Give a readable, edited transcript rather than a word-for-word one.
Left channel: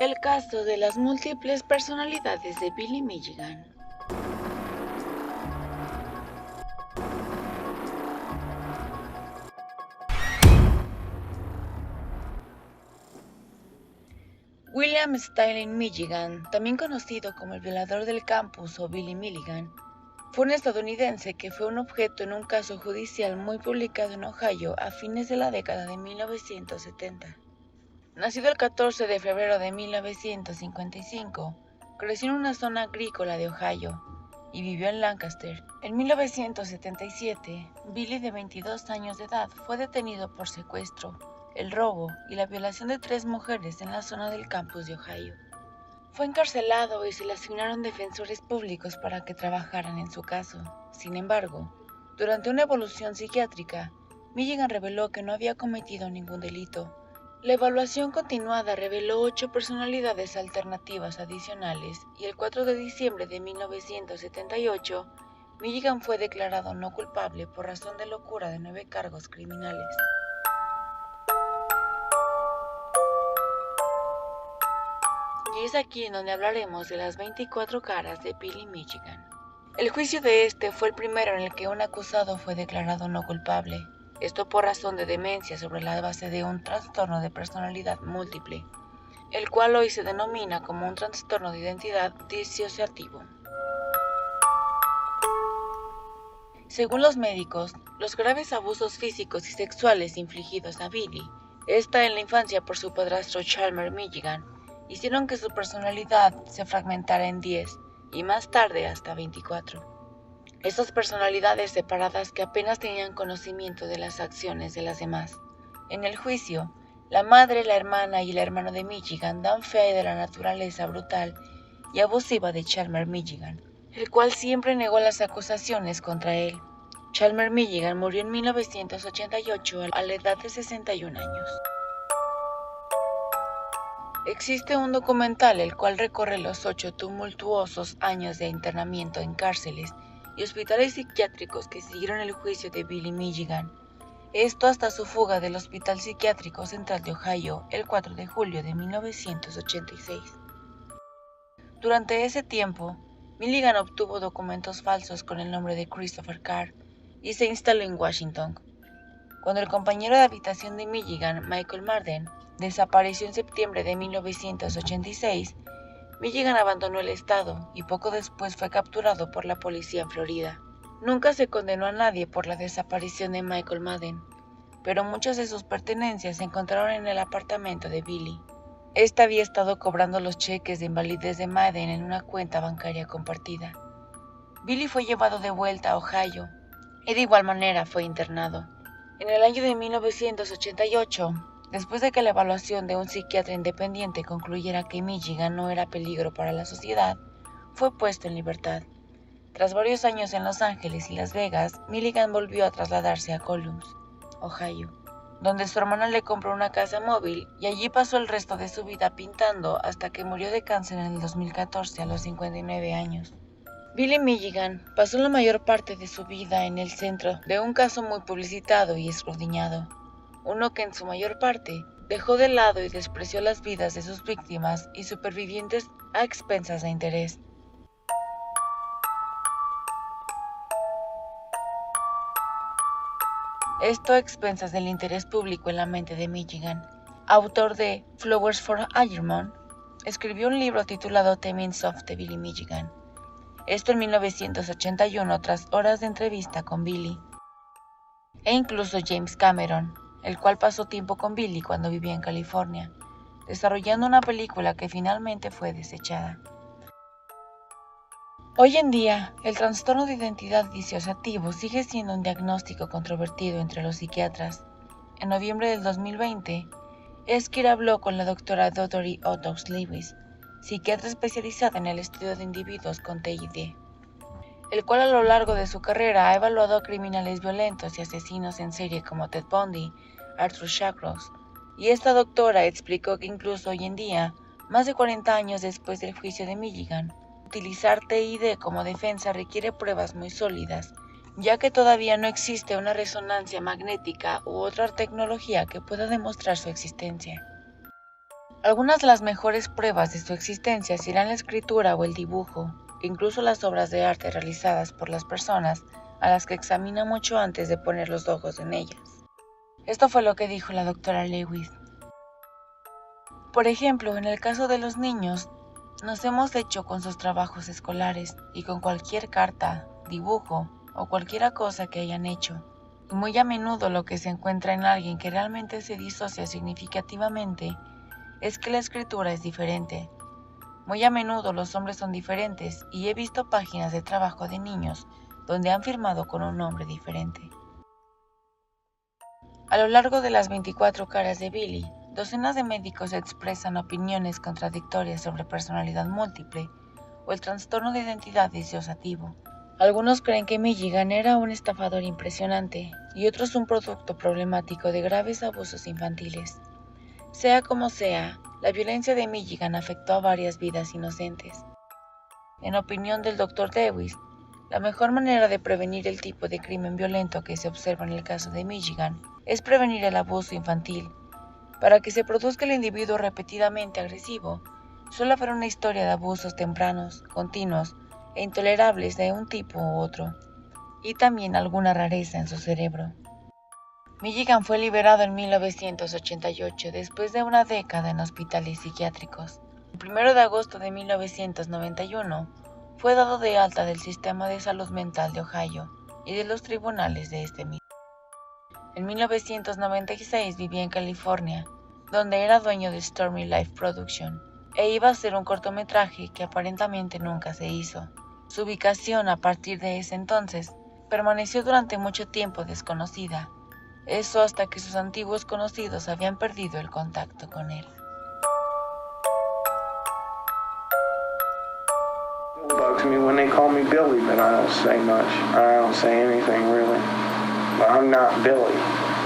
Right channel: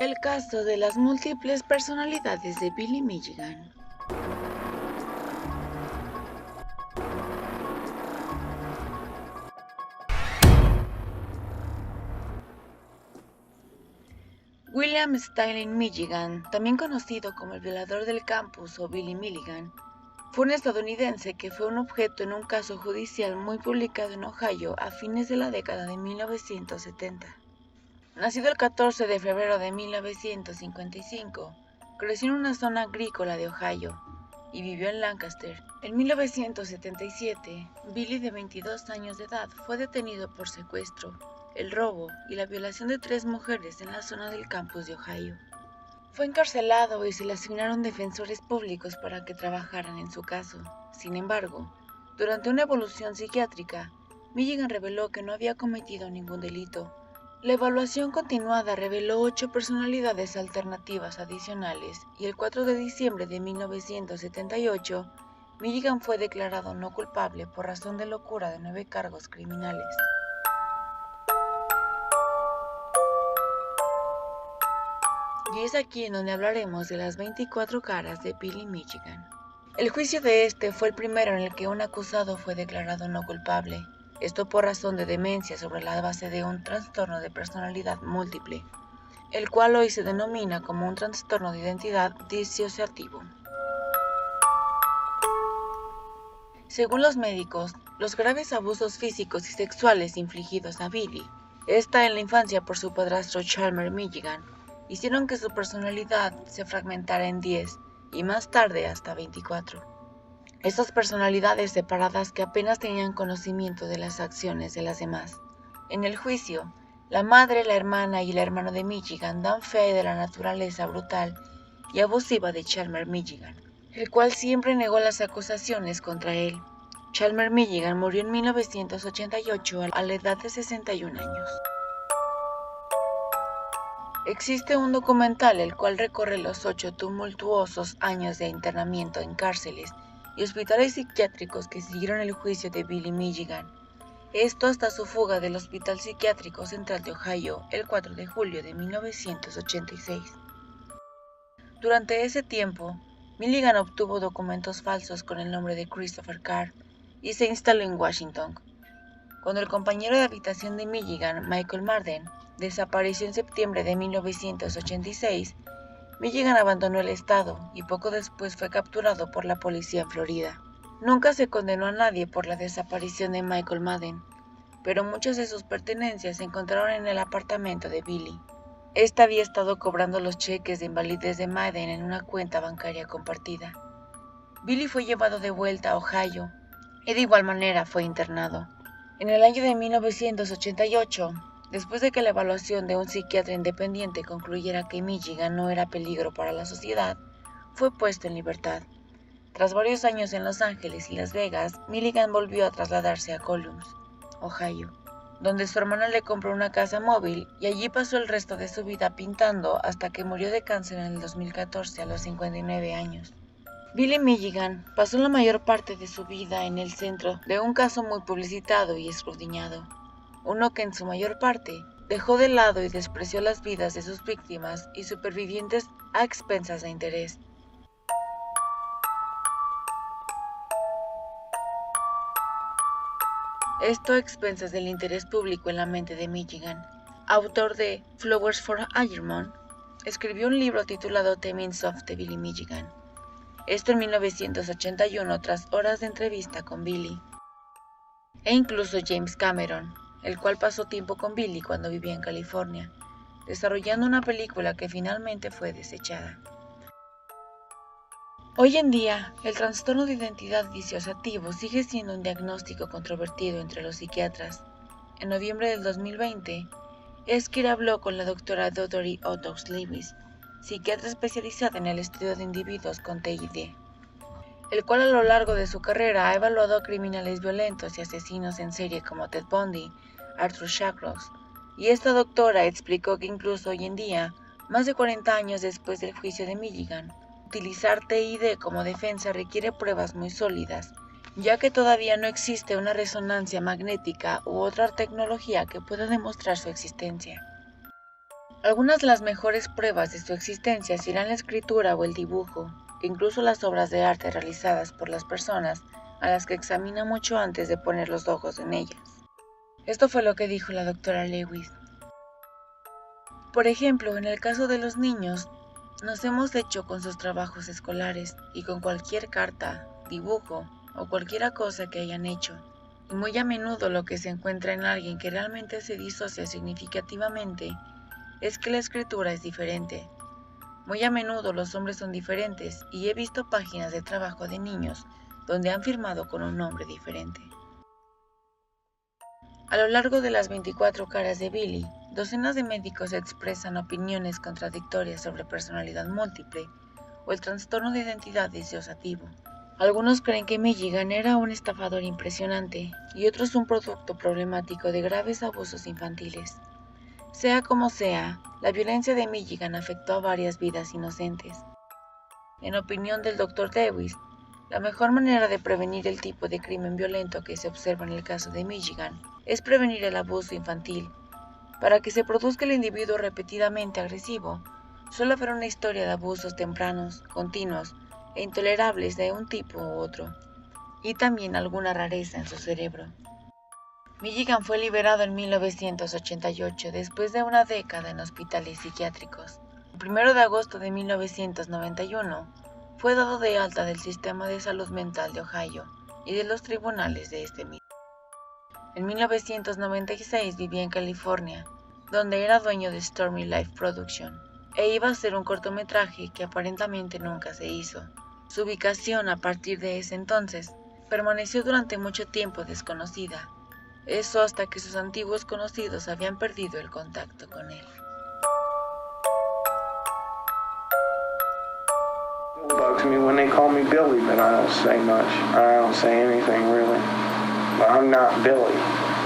El caso de las múltiples personalidades de Billy Milligan. William Sterling Milligan, también conocido como el violador del campus o Billy Milligan, fue un estadounidense que fue un objeto en un caso judicial muy publicado en Ohio a fines de la década de 1970. Nacido el 14 de febrero de 1955, creció en una zona agrícola de Ohio y vivió en Lancaster. En 1977, Billy, de 22 años de edad, fue detenido por secuestro, el robo y la violación de 3 mujeres en la zona del campus de Ohio. Fue encarcelado y se le asignaron defensores públicos para que trabajaran en su caso. Sin embargo, durante una evaluación psiquiátrica, Milligan reveló que no había cometido ningún delito. La evaluación continuada reveló 8 personalidades alternativas adicionales y el 4 de diciembre de 1978, Milligan fue declarado no culpable por razón de locura de 9 cargos criminales. Y es aquí en donde hablaremos de las 24 caras de Billy Milligan. El juicio de este fue el primero en el que un acusado fue declarado no culpable, esto por razón de demencia sobre la base de un trastorno de personalidad múltiple, el cual hoy se denomina como un trastorno de identidad disociativo. Según los médicos, los graves abusos físicos y sexuales infligidos a Billy, esta en la infancia por su padrastro Chalmer Milligan, hicieron que su personalidad se fragmentara en 10 y más tarde hasta 24. Estas personalidades separadas que apenas tenían conocimiento de las acciones de las demás. En el juicio, la madre, la hermana y el hermano de Milligan dan fe de la naturaleza brutal y abusiva de Chalmer Milligan, el cual siempre negó las acusaciones contra él. Chalmer Milligan murió en 1988 a la edad de 61 años. Existe un documental el cual recorre los 8 tumultuosos años de internamiento en cárceles y hospitales psiquiátricos que siguieron el juicio de Billy Milligan. Esto hasta su fuga del Hospital Psiquiátrico Central de Ohio el 4 de julio de 1986. Durante ese tiempo, Milligan obtuvo documentos falsos con el nombre de Christopher Carr y se instaló en Washington. Cuando el compañero de habitación de Milligan, Michael Marden, desapareció en septiembre de 1986, Milligan abandonó el estado y poco después fue capturado por la policía en Florida. Nunca se condenó a nadie por la desaparición de Michael Madden, pero muchas de sus pertenencias se encontraron en el apartamento de Billy. Este había estado cobrando los cheques de invalidez de Madden en una cuenta bancaria compartida. Billy fue llevado de vuelta a Ohio y de igual manera fue internado. En el año de 1988, después de que la evaluación de un psiquiatra independiente concluyera que Milligan no era peligro para la sociedad, fue puesto en libertad. Tras varios años en Los Ángeles y Las Vegas, Milligan volvió a trasladarse a Columbus, Ohio, donde su hermana le compró una casa móvil y allí pasó el resto de su vida pintando hasta que murió de cáncer en el 2014 a los 59 años. Billy Milligan pasó la mayor parte de su vida en el centro de un caso muy publicitado y escudriñado, uno que en su mayor parte dejó de lado y despreció las vidas de sus víctimas y supervivientes a expensas de interés. Esto a expensas del interés público en la mente de Milligan. Autor de Flowers for Algernon, escribió un libro titulado The Means of the Billy Milligan. Esto en 1981 tras horas de entrevista con Billy. E incluso James Cameron, el cual pasó tiempo con Billy cuando vivía en California, desarrollando una película que finalmente fue desechada. Hoy en día, el trastorno de identidad disociativo sigue siendo un diagnóstico controvertido entre los psiquiatras. En noviembre del 2020, Esquire habló con la doctora Dottie Odox Lewis, psiquiatra especializada en el estudio de individuos con TID, el cual a lo largo de su carrera ha evaluado a criminales violentos y asesinos en serie como Ted Bundy, Arthur Shawcross, y esta doctora explicó que incluso hoy en día, más de 40 años después del juicio de Milligan, utilizar TID como defensa requiere pruebas muy sólidas, ya que todavía no existe una resonancia magnética u otra tecnología que pueda demostrar su existencia. Algunas de las mejores pruebas de su existencia serán la escritura o el dibujo, e incluso las obras de arte realizadas por las personas a las que examina mucho antes de poner los ojos en ellas. Esto fue lo que dijo la doctora Lewis. Por ejemplo, en el caso de los niños, nos hemos hecho con sus trabajos escolares y con cualquier carta, dibujo o cualquier cosa que hayan hecho. Y muy a menudo lo que se encuentra en alguien que realmente se disocia significativamente es que la escritura es diferente. Muy a menudo los hombres son diferentes y he visto páginas de trabajo de niños donde han firmado con un nombre diferente. A lo largo de las 24 caras de Billy, docenas de médicos expresan opiniones contradictorias sobre personalidad múltiple o el trastorno de identidad disociativo. Algunos creen que Milligan era un estafador impresionante y otros un producto problemático de graves abusos infantiles. Sea como sea, la violencia de Milligan afectó a varias vidas inocentes. En opinión del Dr. Lewis, la mejor manera de prevenir el tipo de crimen violento que se observa en el caso de Milligan es prevenir el abuso infantil. Para que se produzca el individuo repetidamente agresivo, suele haber una historia de abusos tempranos, continuos e intolerables de un tipo u otro, y también alguna rareza en su cerebro. Milligan fue liberado en 1988 después de una década en hospitales psiquiátricos. El 1 de agosto de 1991 fue dado de alta del Sistema de Salud Mental de Ohio y de los tribunales de este mismo. En 1996 vivía en California, donde era dueño de Stormy Life Production, e iba a hacer un cortometraje que aparentemente nunca se hizo. Su ubicación a partir de ese entonces permaneció durante mucho tiempo desconocida. Eso hasta que sus antiguos conocidos habían perdido el contacto con él. It bugs me when they call me Billy, but I don't say much. I don't say anything really. But I'm not Billy.